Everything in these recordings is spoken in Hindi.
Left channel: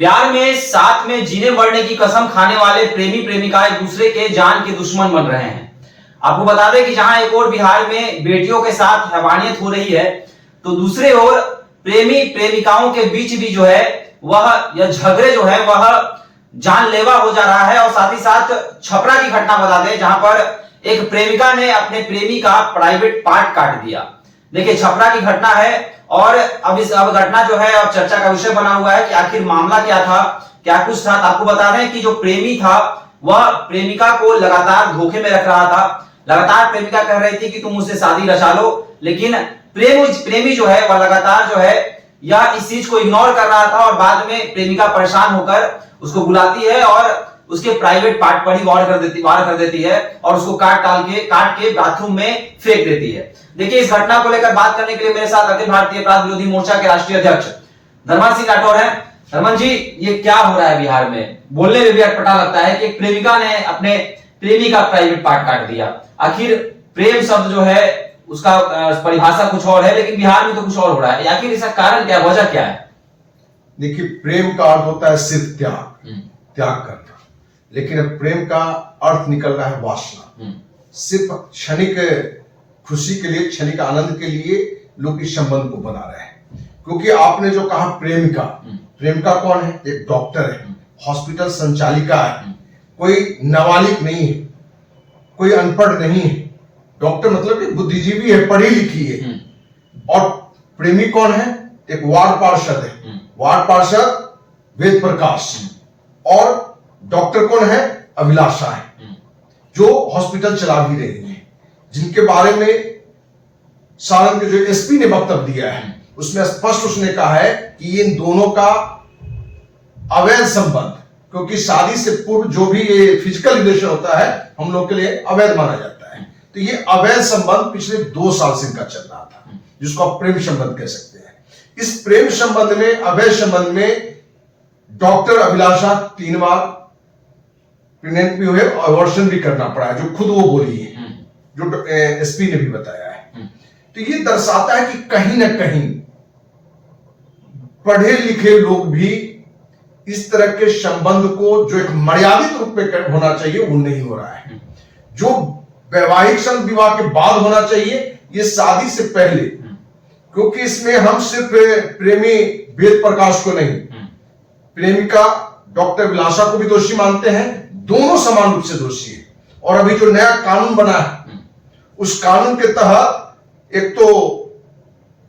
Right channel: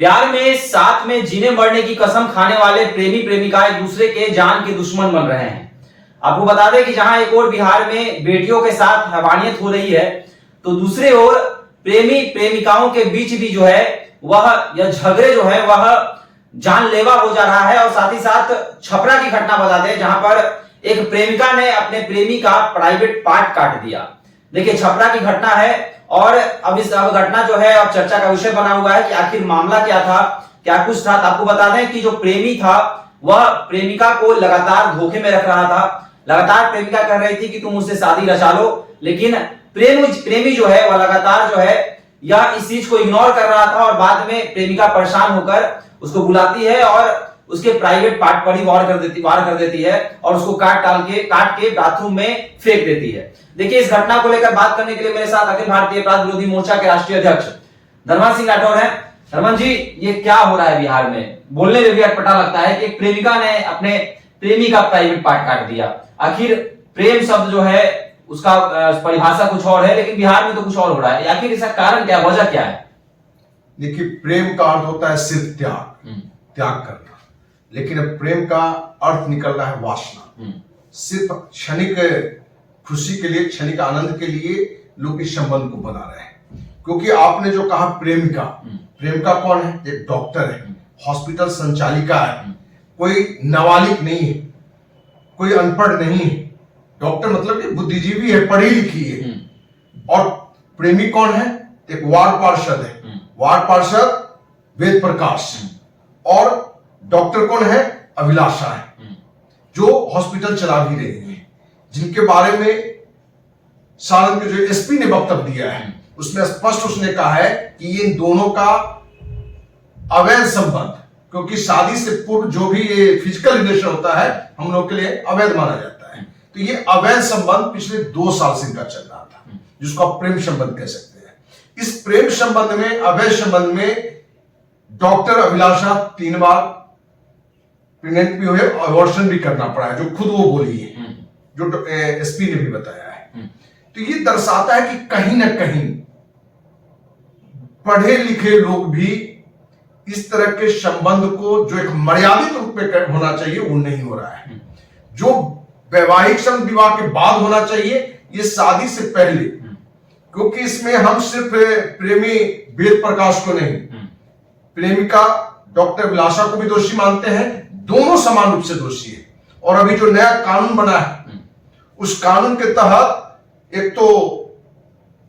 प्यार में साथ में जीने मरने की कसम खाने वाले प्रेमी प्रेमिका एक दूसरे के जान के दुश्मन बन रहे हैं। आपको बता दें कि जहां एक और बिहार में बेटियों के साथ हैवानियत हो रही है, तो दूसरे ओर प्रेमी प्रेमिकाओं के बीच भी जो है वह यह झगड़े जो है वह जानलेवा हो जा रहा है। और साथ ही साथ छपरा की घटना बता दें जहां पर एक प्रेमिका ने अपने प्रेमी का प्राइवेट पार्ट काट दिया। देखिए छपरा की घटना है और अब घटना जो है अब चर्चा का विषय बना हुआ है कि आखिर मामला क्या था, क्या कुछ था। आपको बता दें कि जो प्रेमी था वह प्रेमिका को लगातार धोखे में रख रहा था। लगातार प्रेमिका कह रही थी कि तुम मुझसे शादी रचा लो, लेकिन प्रेमी जो है वह लगातार जो है यह इस चीज को इग्नोर कर रहा था। और बाद में प्रेमिका परेशान होकर उसको बुलाती है और उसके प्राइवेट पार्ट पर ही वार कर देती है और उसको काट के बाथरूम में फेंक देती है। देखिए इस घटना को लेकर बात करने के लिए मेरे साथ अखिल भारतीय अपराध विरोधी मोर्चा के राष्ट्रीय अध्यक्ष धर्मन सिंह राठौर हैं। धर्मन जी, ये क्या हो रहा है बिहार में? बोलने में भी अटपटा लगता है कि एक प्रेमिका ने अपने प्रेमी का प्राइवेट पार्ट काट दिया। आखिर प्रेम शब्द जो है उसका परिभाषा कुछ और है, लेकिन बिहार में तो कुछ और हो रहा है। आखिर इसका कारण क्या, वजह क्या है? देखिए, प्रेम का अर्थ होता है सिर्फ त्याग करना, लेकिन अब प्रेम का अर्थ निकल रहा है वासना। सिर्फ क्षणिक खुशी के लिए, क्षणिक आनंद के लिए लोग इस संबंध को बना रहे हैं। क्योंकि आपने जो कहा प्रेमिका कौन है? एक डॉक्टर है, हॉस्पिटल संचालिका है, कोई नाबालिग नहीं है, कोई अनपढ़ नहीं है। डॉक्टर मतलब कि बुद्धिजीवी है, पढ़ी लिखी है। और प्रेमी कौन है? एक वार्ड पार्षद है, वार्ड पार्षद वेद प्रकाश। और डॉक्टर कौन है? अभिलाषा है, जो हॉस्पिटल चला भी रही है, जिनके बारे में सारण के जो एसपी ने वक्तव्य दिया है उसमें स्पष्ट उसने कहा है कि इन दोनों का अवैध संबंध, क्योंकि शादी से पूर्व जो भी ये फिजिकल रिलेशन होता है हम लोग के लिए अवैध माना जाता है। तो ये अवैध संबंध पिछले 2 साल से इनका चल रहा था, जिसको आप प्रेम संबंध कह सकते हैं। इस प्रेम संबंध में, अवैध संबंध में डॉक्टर अभिलाषा 3 बार प्रेग्नेंट भी हुए, अबॉर्शन भी करना पड़ा है, जो खुद वो बोली है, जो एसपी ने भी बताया है। तो ये दर्शाता है कि कहीं ना कहीं पढ़े लिखे लोग भी इस तरह के संबंध को, जो एक मर्यादित रूप में होना चाहिए, वो नहीं हो रहा है। जो वैवाहिक संबंध विवाह के बाद होना चाहिए, ये शादी से पहले, क्योंकि इसमें हम सिर्फ प्रेमी वेद प्रकाश को नहीं, प्रेमिका डॉक्टर अभिलाषा को भी दोषी मानते हैं। दोनों समान रूप से दोषी है। और अभी जो नया कानून बना है उस कानून के तहत एक तो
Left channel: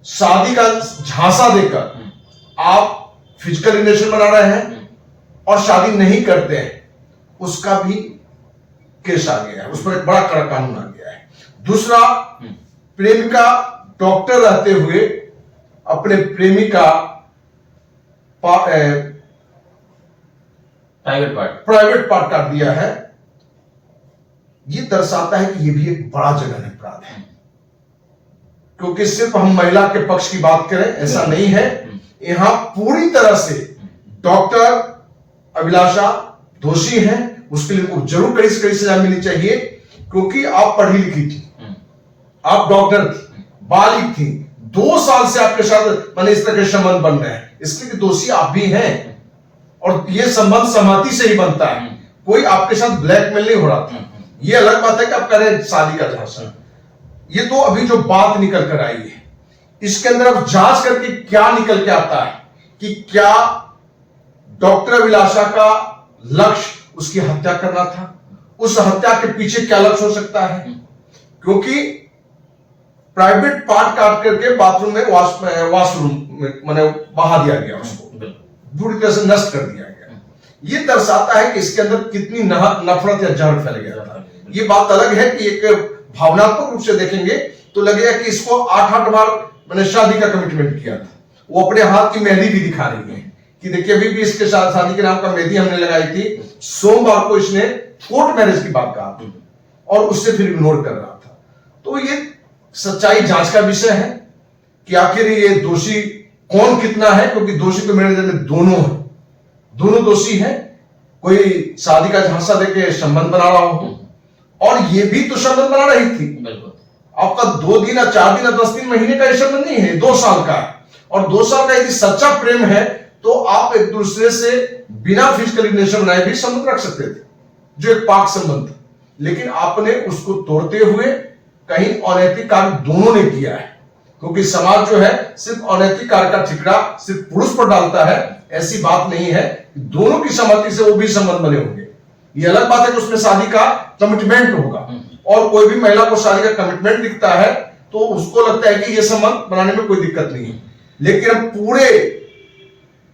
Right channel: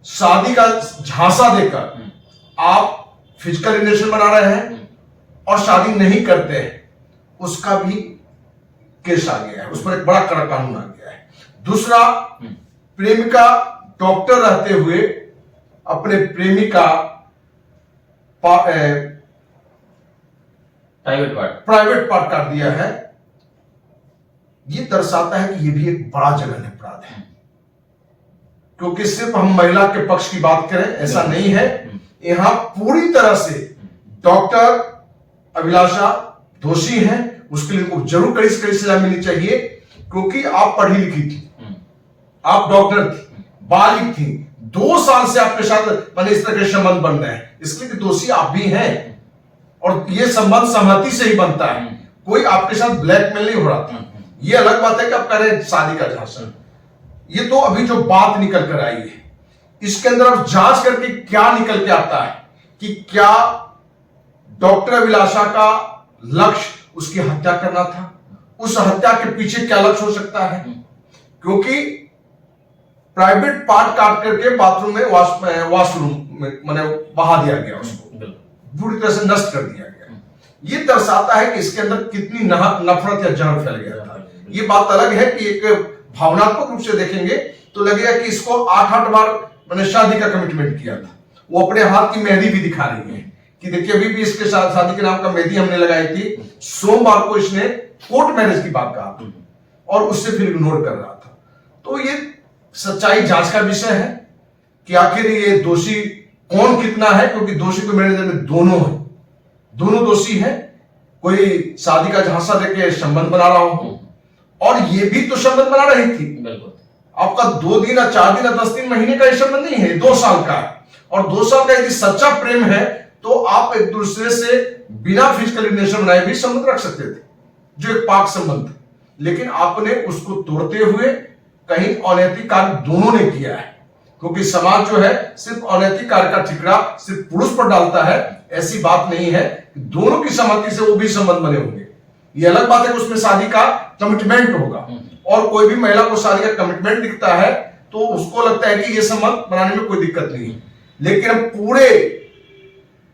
शादी का झांसा देकर आप फिजिकल रिलेशन बना रहे हैं और शादी नहीं करते हैं, उसका भी केस आ गया है, उस पर एक बड़ा कड़ा कानून आ गया है। दूसरा, प्रेमिका डॉक्टर रहते हुए अपने प्रेमी का प्राइवेट पार्ट काट दिया है। ये दर्शाता है कि ये भी एक बड़ा जघन्य अपराध है। क्योंकि सिर्फ हम महिला के पक्ष की बात करें ऐसा नहीं है, यहां पूरी तरह से डॉक्टर अभिलाषा दोषी हैं। उसके लिए उनको जरूर कड़ी से कड़ी सजा मिलनी चाहिए, क्योंकि आप पढ़ी लिखी थी, आप डॉक्टर थी, बालिग थी, 2 साल से आपके साथ मैंने इस तरह के संबंध बन रहे हैं, इसलिए दोषी आप भी हैं। और ये संबंध सहमति से ही बनता है, कोई आपके साथ ब्लैकमेल नहीं हो रहा था। ये अलग बात है कि आप करें शादी का झांसा। ये तो अभी जो बात निकल कर आई है, इसके अंदर अब जांच करके क्या निकल के आता है कि क्या डॉक्टर अभिलाषा का लक्ष्य उसकी हत्या करना था, उस हत्या के पीछे क्या लक्ष्य हो सकता है। क्योंकि प्राइवेट पार्ट काट करके बाथरूम में वॉशरूम में मैंने बहा दिया गया, उसको बुरी तरह से नष्ट कर दिया गया। ये दर्शाता है कि इसके अंदर कितनी नफरत या जहर फैल गया था। ये बात अलग है कि एक भावनात्मक रूप से देखेंगे तो लगेगा कि इसको 8 बार मैंने शादी का कमिटमेंट किया था। वो अपने हाथ की मेहंदी भी दिखा रही है कि देखिए अभी भी इसके साथ शादी के नाम का मेहंदी हमने लगाई थी। सोमवार को इसने कोर्ट मैरिज की बात कहा था और उससे फिर इग्नोर कर रहा था। तो ये सच्चाई जांच का विषय है कि आखिर ये दोषी कौन कितना है, क्योंकि दोषी तो मेरे नजर में दोनों है, दोनों दोषी हैं। कोई शादी का झांसा देके संबंध बना रहा हो, और ये भी तो संबंध बना रही थी। आपका 2 दिन या 4 दिन या 10 दिन महीने का ये संबंध नहीं है, 2 साल का है। और 2 साल का यदि सच्चा प्रेम है तो आप एक दूसरे से बिना फिजिकल रिलेशन बनाए भी संबंध रख सकते थे, जो एक पाक संबंध था। लेकिन आपने उसको तोड़ते हुए कहीं अनैतिक कार्य दोनों ने किया है, क्योंकि समाज जो है सिर्फ अनैतिक कार्य का ठिकरा सिर्फ पुरुष पर डालता है, ऐसी बात नहीं है। दोनों की सहमति से वो भी संबंध बने होंगे। ये अलग बात है कि उसमें शादी का कमिटमेंट होगा, और कोई भी महिला को शादी का कमिटमेंट दिखता है तो उसको लगता है कि ये संबंध बनाने में कोई दिक्कत नहीं है। लेकिन हम पूरे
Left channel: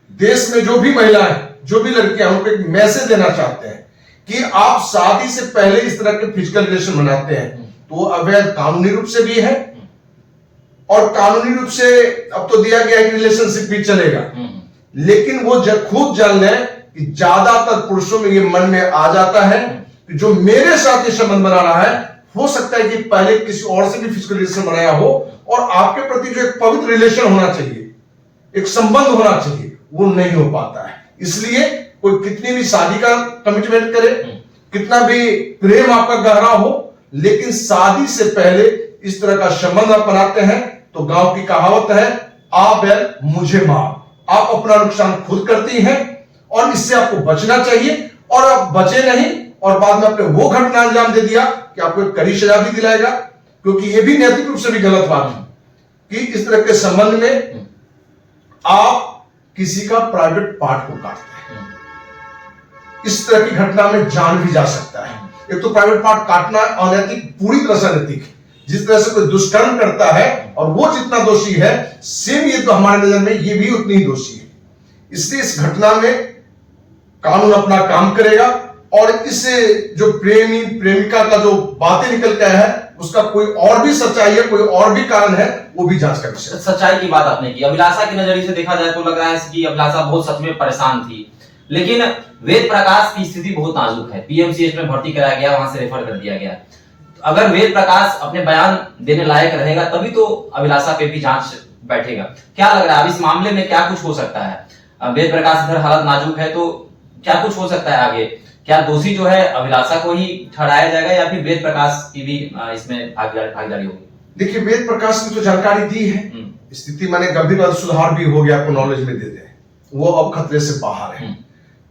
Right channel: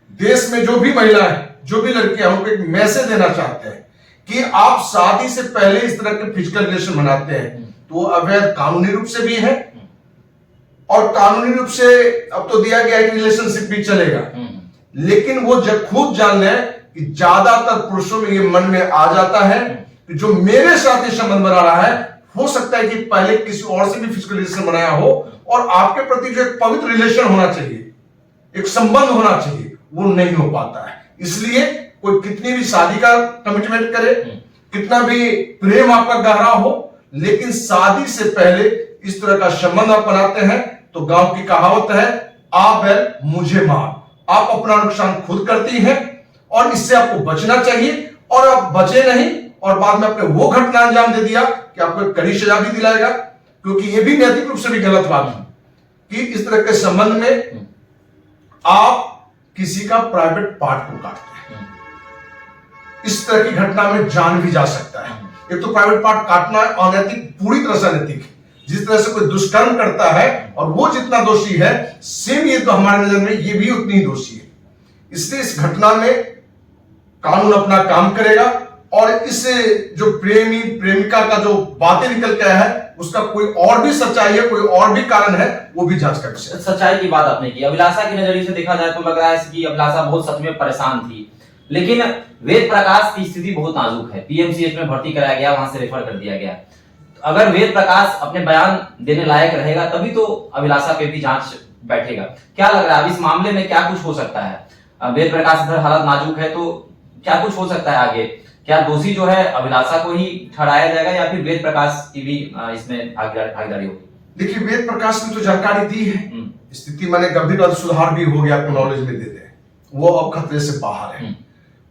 देश में जो भी महिलाएं, जो भी लड़कियां, उनको एक मैसेज देना चाहते हैं कि आप शादी से पहले इस तरह के फिजिकल रिलेशन बनाते हैं तो अवैध कानूनी रूप से भी है, और कानूनी रूप से अब तो दिया गया है कि रिलेशनशिप भी चलेगा। लेकिन वो खुद जान लें कि ज्यादातर पुरुषों में ये मन में आ जाता है कि जो मेरे साथ ये संबंध बना रहा है, हो सकता है कि पहले किसी और से भी फिजिकल रिलेशन बनाया हो, और आपके प्रति जो एक पवित्र रिलेशन होना चाहिए, एक संबंध होना चाहिए, वो नहीं हो पाता है। इसलिए कोई कितनी भी शादी का कमिटमेंट करे, कितना भी प्रेम आपका गहरा हो, लेकिन शादी से पहले इस तरह का संबंध आप बनाते हैं तो गांव की कहावत है, आ बैल मुझे मार। आप अपना नुकसान खुद करती हैं, और इससे आपको बचना चाहिए। और आप बचे नहीं और बाद में आपने वो घटना अंजाम दे दिया कि आपको एक कड़ी सजा भी दिलाएगा, क्योंकि ये भी नैतिक रूप से भी गलत बात है कि इस तरह के संबंध में आप किसी का प्राइवेट पार्ट को काटते हैं। इस तरह की घटना में जान भी जा सकता है। एक तो प्राइवेट पार्ट काटना अनैतिक, पूरी तरह से अनैतिक है। जिस तरह से कोई दुष्कर्म करता है और वो जितना दोषी है, सेम ये तो हमारे नजर में ये भी उतनी ही दोषी है। इसलिए इस घटना में कानून अपना काम करेगा, और इस जो प्रेमी प्रेमिका का जो बातें निकल के आया है, उसका कोई और भी सच्चाई है, कोई और भी कारण है, वो भी जांच का विषय। सच्चाई की बात आपने की। अभिलाषा के नजरिए से देखा जाए तो लग रहा है कि अभिलाषा बहुत सच में परेशान थी, लेकिन वेद प्रकाश की स्थिति बहुत नाजुक है। पीएमसीएच में भर्ती कराया गया, वहां से रेफर कर दिया गया। अगर वेद प्रकाश अपने बयान देने लायक रहेगा तभी तो अभिलाषा पे भी जांच बैठेगा। क्या लग रहा है अब इस मामले में क्या कुछ हो सकता है? वेद प्रकाश इधर हालत नाजुक है तो क्या कुछ हो सकता है आगे? क्या दोषी जो है अभिलाषा को ही ठहराया जाएगा या फिर वेद प्रकाश की भी इसमें भागीदारी होगी? देखिए, वेद प्रकाश ने तो जानकारी दी है, स्थिति माने गंभीर सुधार भी हो गया, आपको नॉलेज में दे दे, वो अब खतरे से बाहर है,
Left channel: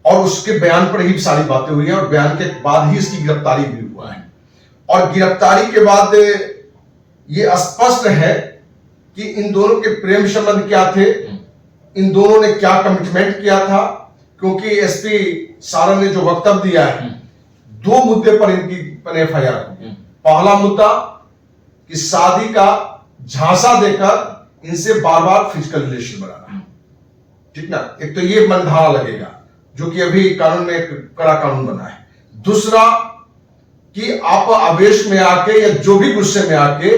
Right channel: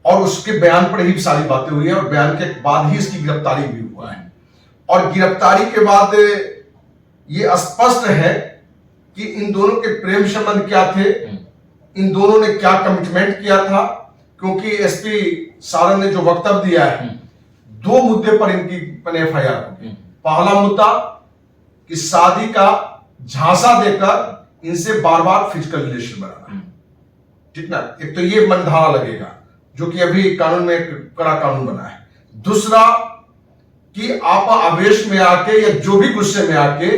और उसके बयान पर ही सारी बातें हुई है, और बयान के बाद ही इसकी गिरफ्तारी भी हुआ है। और गिरफ्तारी के बाद ये स्पष्ट है कि इन दोनों के प्रेम संबंध क्या थे, इन दोनों ने क्या कमिटमेंट किया था। क्योंकि एसपी सारण ने जो वक्तव्य दिया है, दो मुद्दे पर इनकी एफआईआर होगी। पहला मुद्दा कि शादी का झांसा देकर इनसे बार बार फिजिकल रिलेशन बनाना, ठीक ना, एक तो ये बंधाना लगेगा जो कि अभी कानून में एक कड़ा कानून बना है। दूसरा कि आप आवेश में आके या जो भी गुस्से में आके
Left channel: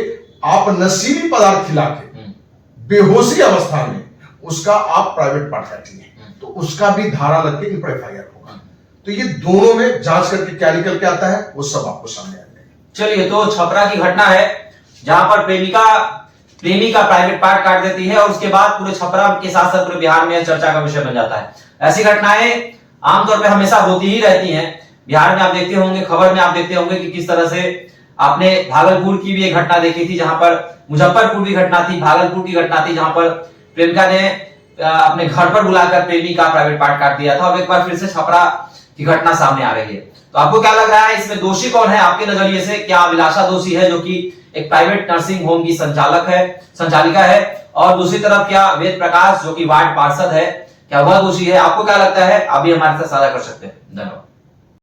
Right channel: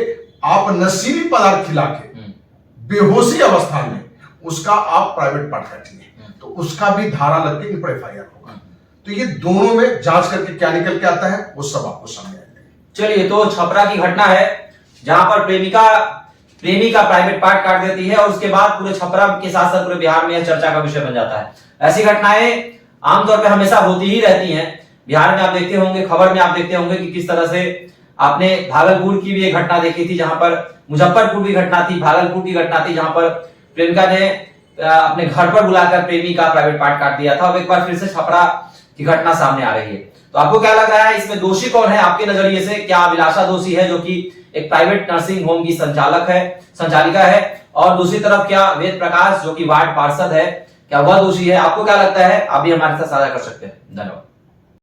आप नशीली पदार्थ खिला के बेहोशी अवस्था में उसका आप प्राइवेट पार्ट काटिए, तो उसका भी धारा लग के इन पर एफआईआर होगा। तो ये दोनों में जांच करके क्या निकल के आता है वो सब आपको सामने आएगा। चलिए, तो छपरा की घटना है जहां पर प्रेमी का प्राइवेट पार्ट काट देती है और उसके बाद पूरे छपरा के साथ साथ पूरे बिहार में चर्चा का विषय बन जाता है। ऐसी घटनाएं आमतौर पर हमेशा होती ही रहती हैं। बिहार में आप देखते होंगे, खबर में आप देखते होंगे कि किस तरह से आपने भागलपुर की भी एक घटना देखी थी, जहां पर मुजफ्फरपुर की घटना थी, भागलपुर की घटना थी, जहां पर प्रेमिका ने अपने घर पर बुलाकर प्रेमी का प्राइवेट पार्ट काट दिया था। और एक बार फिर से छपरा की घटना सामने आ रही है। तो आपको क्या लग रहा है, इसमें दोषी कौन है आपके नजरिए से? क्या अभिलाषा दोषी है जो कि एक प्राइवेट नर्सिंग होम की संचालिका है, और दूसरी तरफ क्या वेद प्रकाश जो कि वार्ड पार्षद है, क्या वह दोषी है? आपको क्या लगता है? आप भी हमारे साथ साझा कर सकते हैं। धन्यवाद।